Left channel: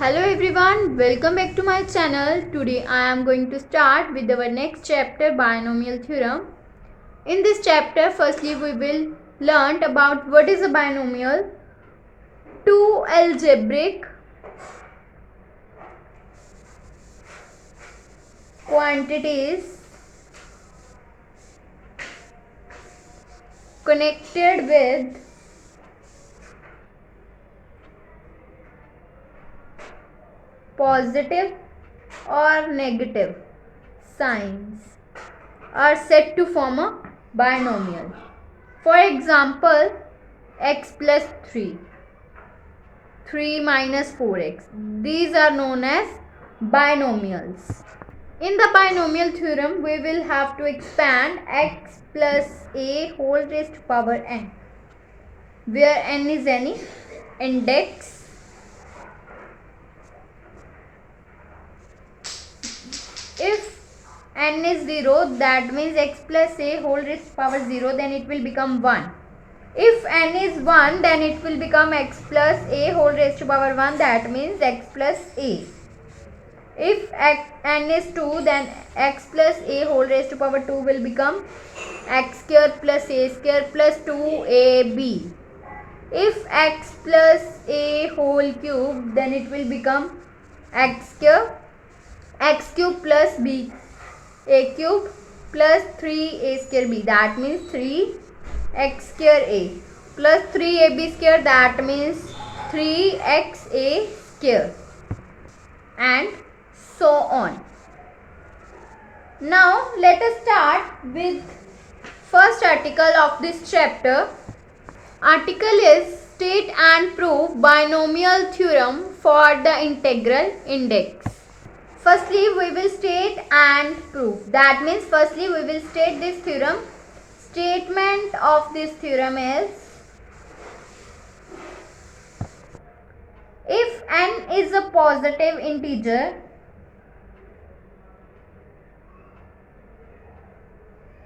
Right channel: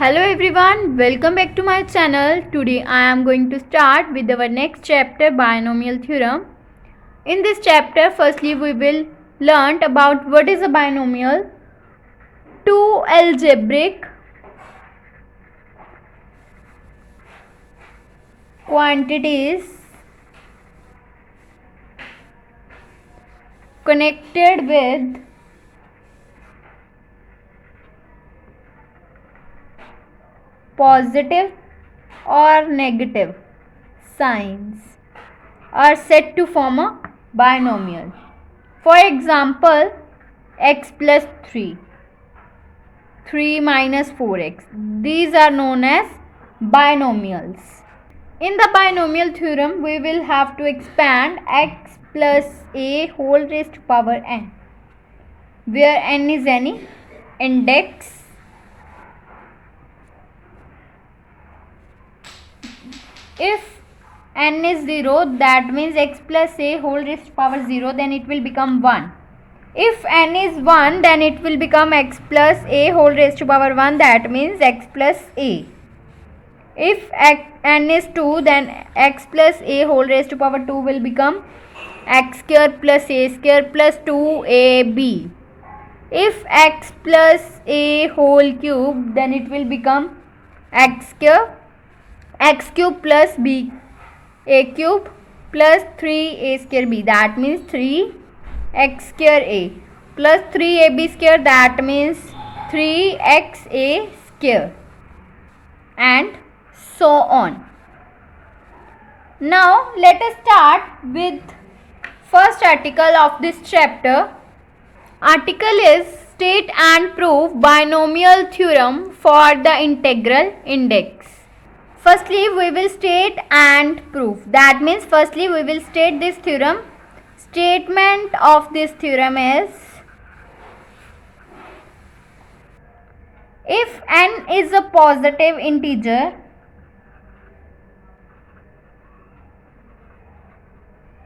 Hello everyone, welcome back to my channel. Today I am going to start with our next chapter, binomial theorem. In this chapter, firstly we will learn about what is a binomial, two algebraic quantities connected with positive or negative signs are said to form a binomial. For example, x plus 3, 3 minus 4x. These are known as binomials. In the binomial theorem, we will have to expand x plus a whole raised to power n, where n is any index. If n is 0, that means x plus a whole raised to power 0, then it will become 1. If n is 1, then it will become x plus a whole raised to power 1, that means x plus a. If n is 2, then x plus a whole raised to power 2 will become x square plus a square plus 2ab. If x plus a whole cube, then it will become x cube plus b a cube plus 3a square b, that means 3x square a plus 3ab square, that means 3xa square, and so on. Now let us start with first article of this chapter. Article is state and prove binomial theorem for the integral index. Firstly, we will state and prove. That means firstly we will state this theorem. Statement of this theorem is, if n is a positive integer,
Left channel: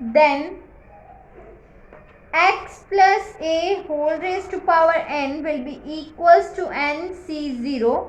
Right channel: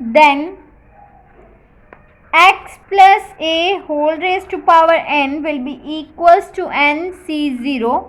then x plus a whole raised to power n will be equals to nc0,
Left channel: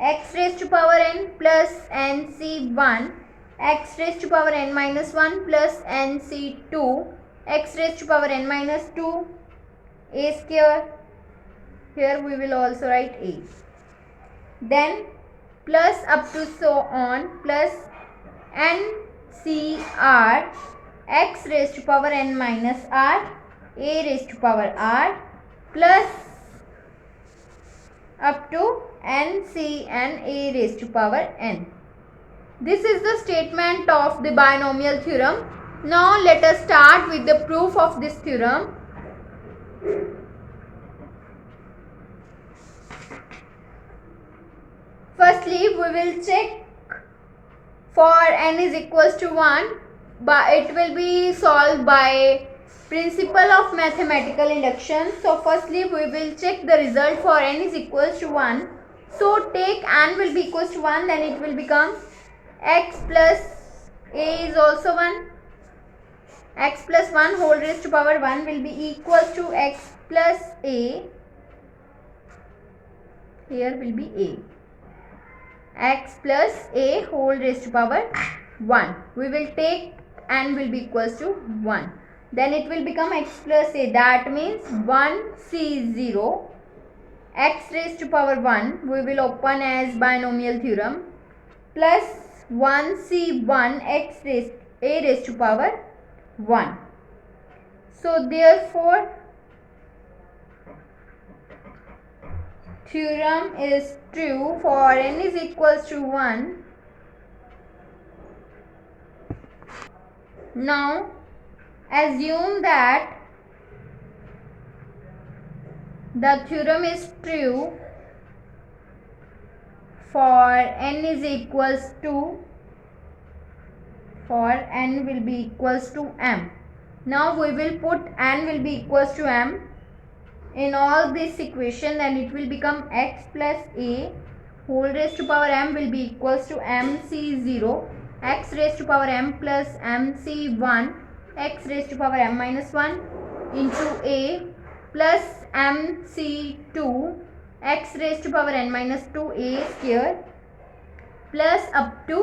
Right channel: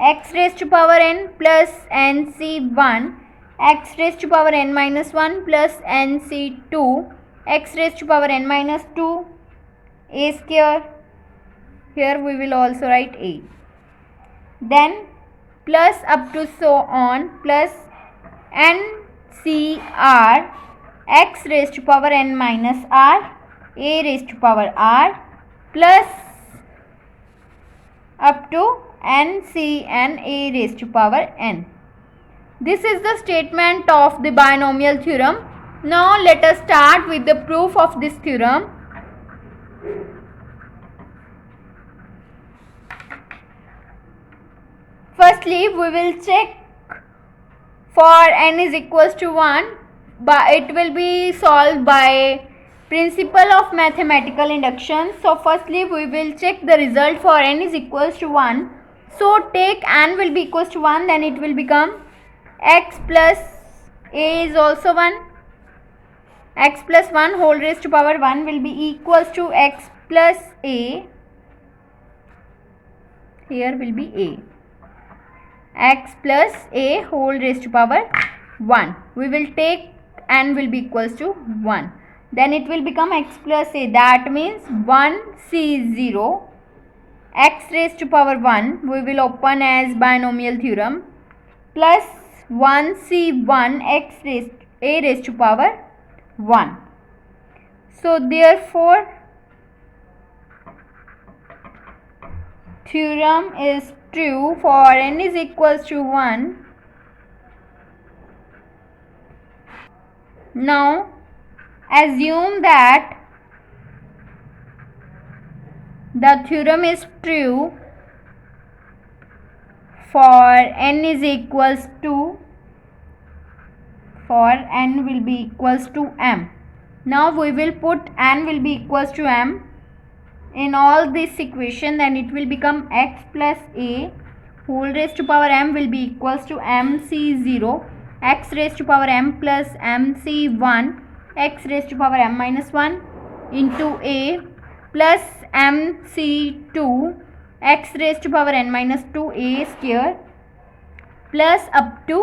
x raised to power n plus nc1, x raised to power n minus 1 plus nc2, x raised to power n minus 2, a square. Here we will also write a. Then plus up to so on plus ncr, x raised to power n minus r, a raised to power r, plus up to ncn, a raised to power n. This is the statement of the binomial theorem. Now let us start with the proof of this theorem. Firstly, we will check for n is equals to 1, but it will be solved by principle of mathematical induction. So firstly we will check the result for n is equals to 1. So take n will be equals to 1, then it will become x plus a is also 1. X plus 1 whole raised to power 1 will be equals to x plus a. Here will be a. X plus a whole raised to power 1. We will take n will be equals to 1. Then it will become x plus a, that means 1c0 x raised to power 1 we will open as binomial theorem plus 1c1 x raised a raised to power 1. So therefore theorem is true for n is equals to 1. Now assume that the theorem is true for n is equals to, for n will be equals to m. Now we will put n will be equals to m in all this equation, then it will become x plus a whole raised to power m will be equals to mc0, x raised to power m plus mc1, x raised to power m minus 1 into a plus mc2, x raised to power n minus 2a square plus up to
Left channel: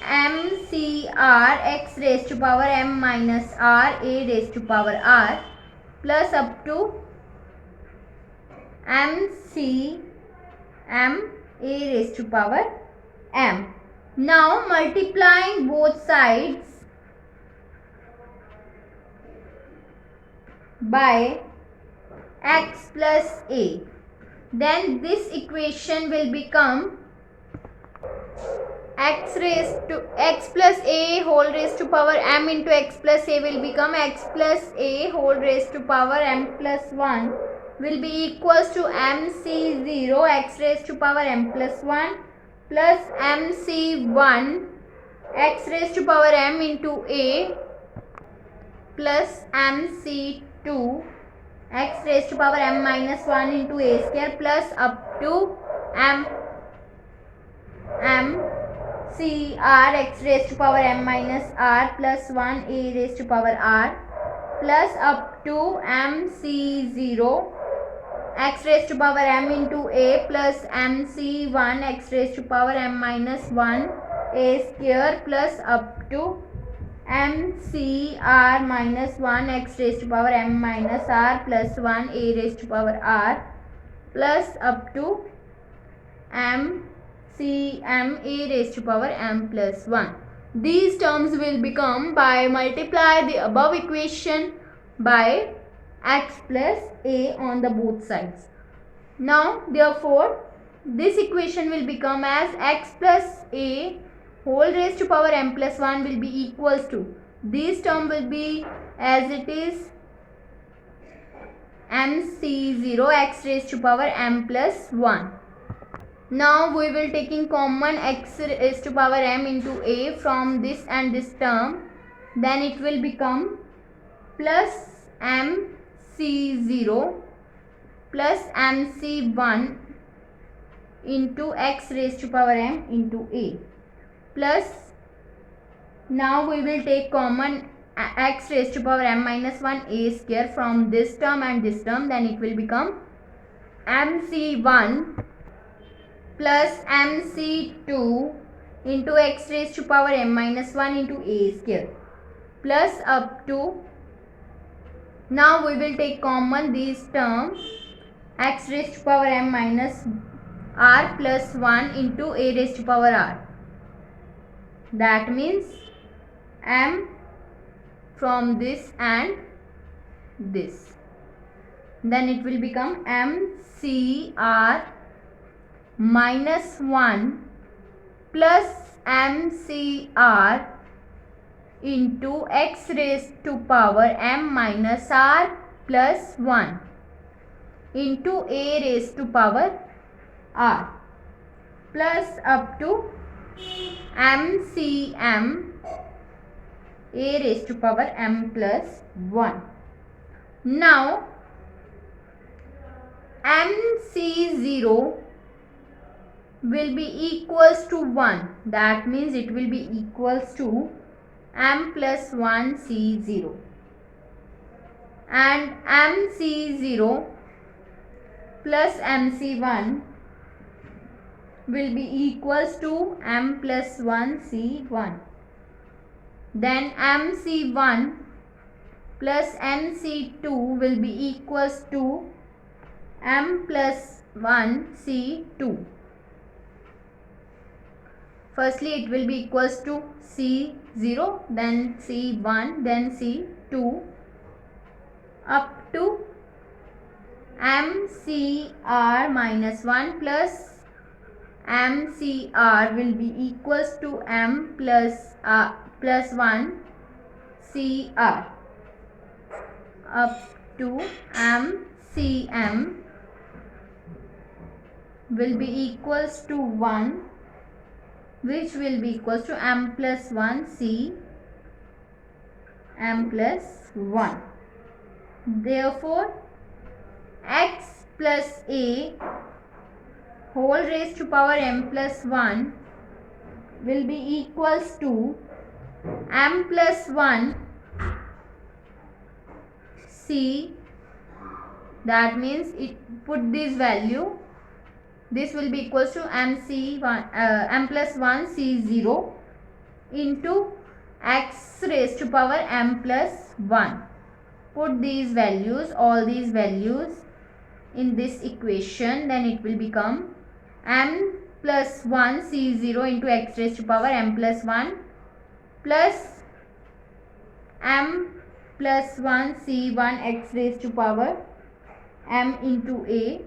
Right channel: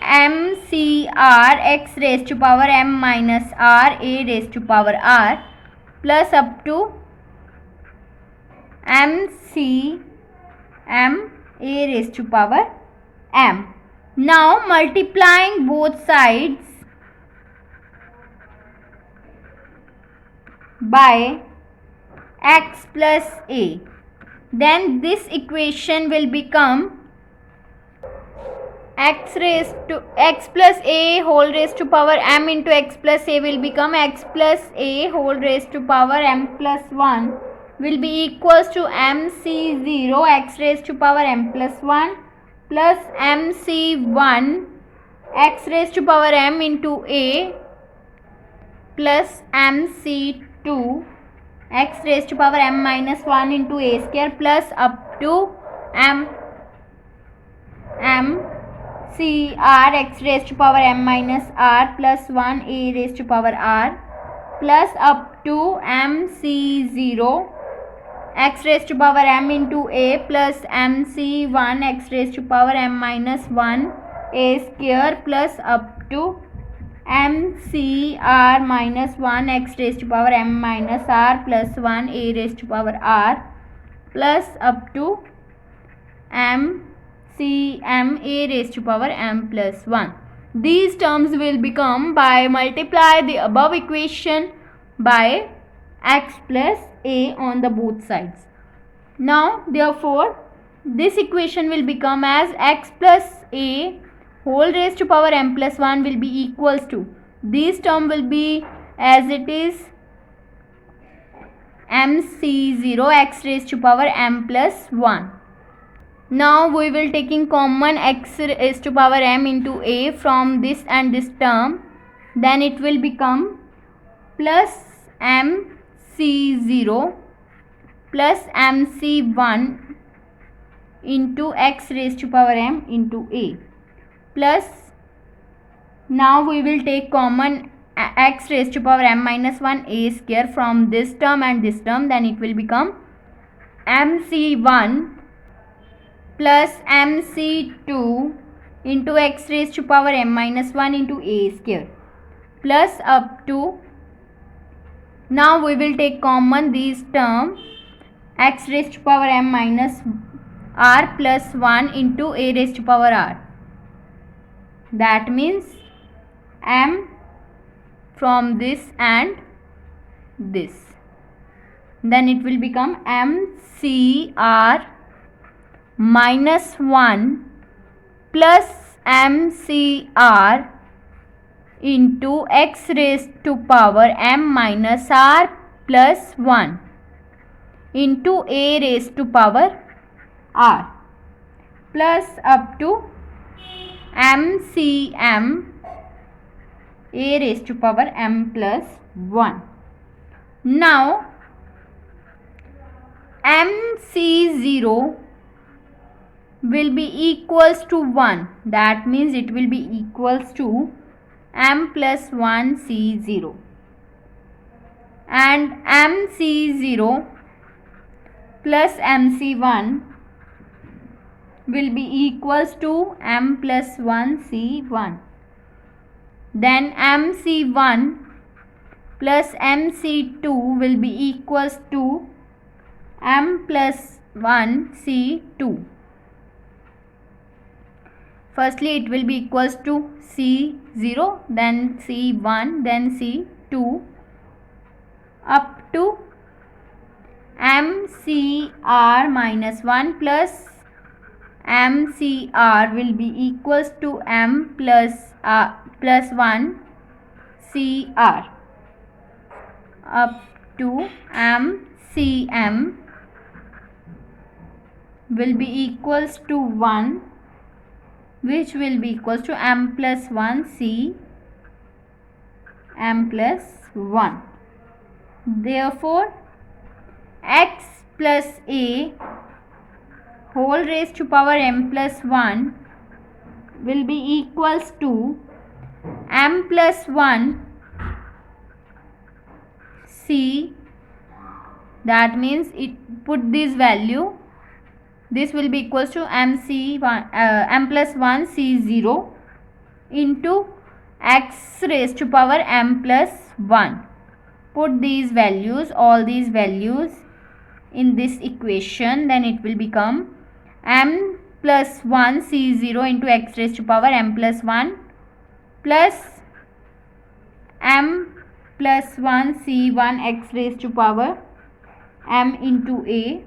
mcr x raised to power m minus r a raised to power r plus up to mcm a raised to power m. Now multiplying both sides by x plus a, then this equation will become x plus a whole raised to power m into x plus a will become x plus a whole raised to power m plus 1 will be equals to mc0 x raised to power m plus 1 plus mc1 x raised to power m into a plus mc2 x raised to power m minus 1 into a square plus up to mcr x raised to power m minus r plus 1 a raised to power r plus up to mc0 x raised to power m into a plus mc1 x raised to power m minus 1 a square plus up to mcr minus 1 x raised to power m minus r plus 1 a raised to power r plus up to mcm a raised to power m plus 1. These terms will become by multiply the above equation by x plus a on the both sides. Now therefore this equation will become as x plus a whole raised to power m plus 1 will be equals to, this term will be as it is mc0 x raised to power m plus 1. Now we will taking common x raised to power m into a from this and this term, then it will become plus mc0 plus mc1 into x raised to power m into a plus, now we will take common x raised to power m minus 1 a square from this term and this term, then it will become mc1 plus mc2 into x raised to power m minus 1 into a square plus up to, now we will take common these terms x raised to power m minus r plus 1 into a raised to power r, that means m from this and this, then it will become mcr minus 1 plus mcr into x raised to power m minus r plus 1 into a raised to power r plus up to mcm a raised to power m plus 1. Now mc0 will be equals to 1, that means it will be equals to m plus 1 c0, and mc0 plus mc1 will be equals to m plus 1 c1, then mc1 plus mc2 will be equals to m plus 1 c2. Firstly it will be equals to c0, then c1, then c2 up to mcr minus 1 plus mcr will be equals to m plus 1 cr up to mcm will be equals to 1, which will be equals to m plus 1 c m plus 1. Therefore x plus a whole raised to power m plus 1 will be equals to m plus 1 c that means it put this value, this will be equals to mc1 m plus 1 c0 into x raised to power m plus 1. Put these values, all these values in this equation, then it will become m plus 1 c0 into x raised to power m plus 1 plus m plus 1 c1 x raised to power m into a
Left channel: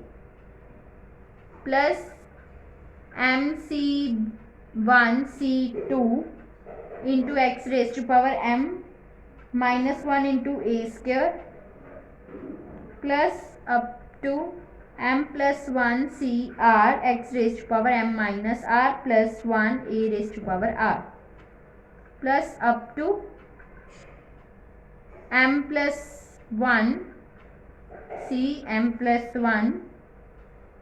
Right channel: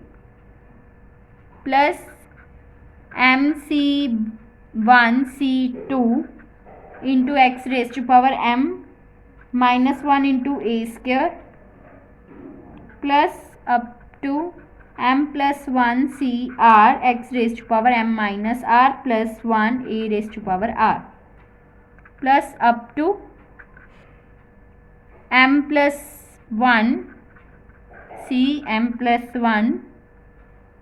plus m c1 c2 into x raised to power m minus 1 into a square plus up to m plus 1 cr x raised to power m minus r plus 1 a raised to power r plus up to m plus 1 c m plus 1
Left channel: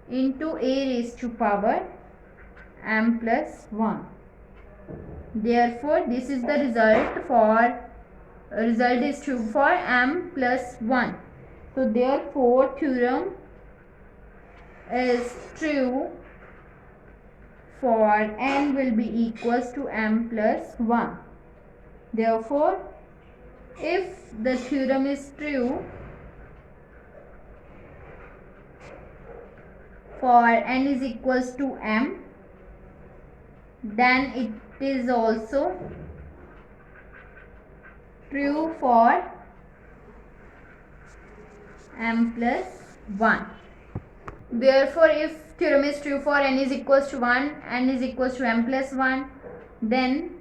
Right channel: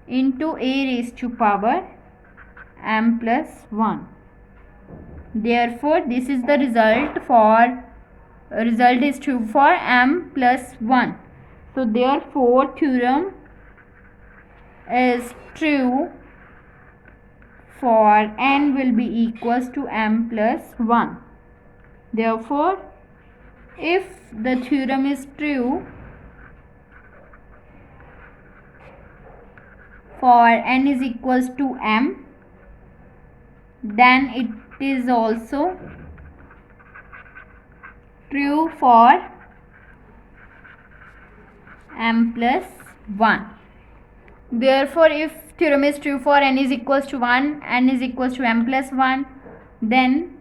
into a raised to power m plus 1. Therefore, this is the result is true for m plus 1. So, therefore, theorem is true for n will be equals to m plus 1. Therefore, if the theorem is true for n is equals to m, then it is also true for m plus 1. Therefore, if theorem is true for n is equals to 1, n is equals to m plus 1, then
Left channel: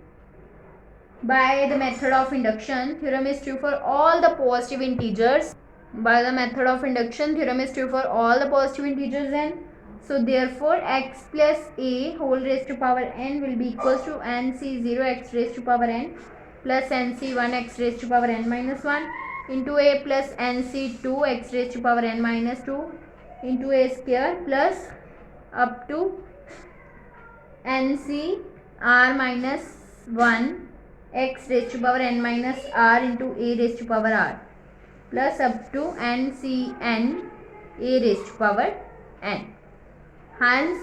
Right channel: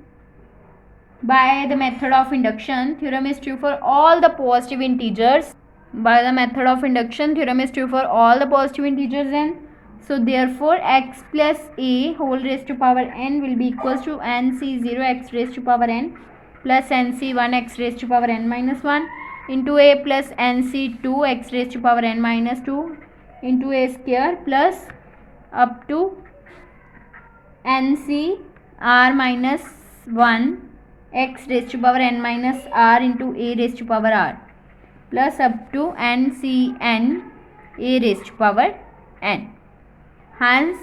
by the method of induction, theorem is true for all the positive integers. By the method of induction, theorem is true for all the positive integers n. So, therefore, x plus a whole raised to power n will be equals to nc0 x raised to power n plus nc1 x raised to power n minus 1 into a plus nc2 x raised to power n minus 2 into a square plus up to nc r minus 1 x raised to power n minus r into a raised to power r plus up to ncn a raised to power n. Hence,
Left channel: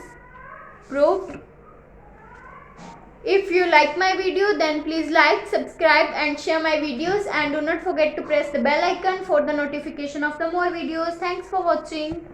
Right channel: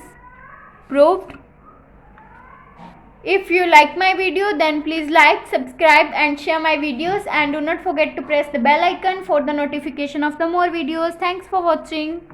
proved. If you like my video, then please like, subscribe and share my videos, and do not forget to press the bell icon for the notification of the more videos. Thanks for watching.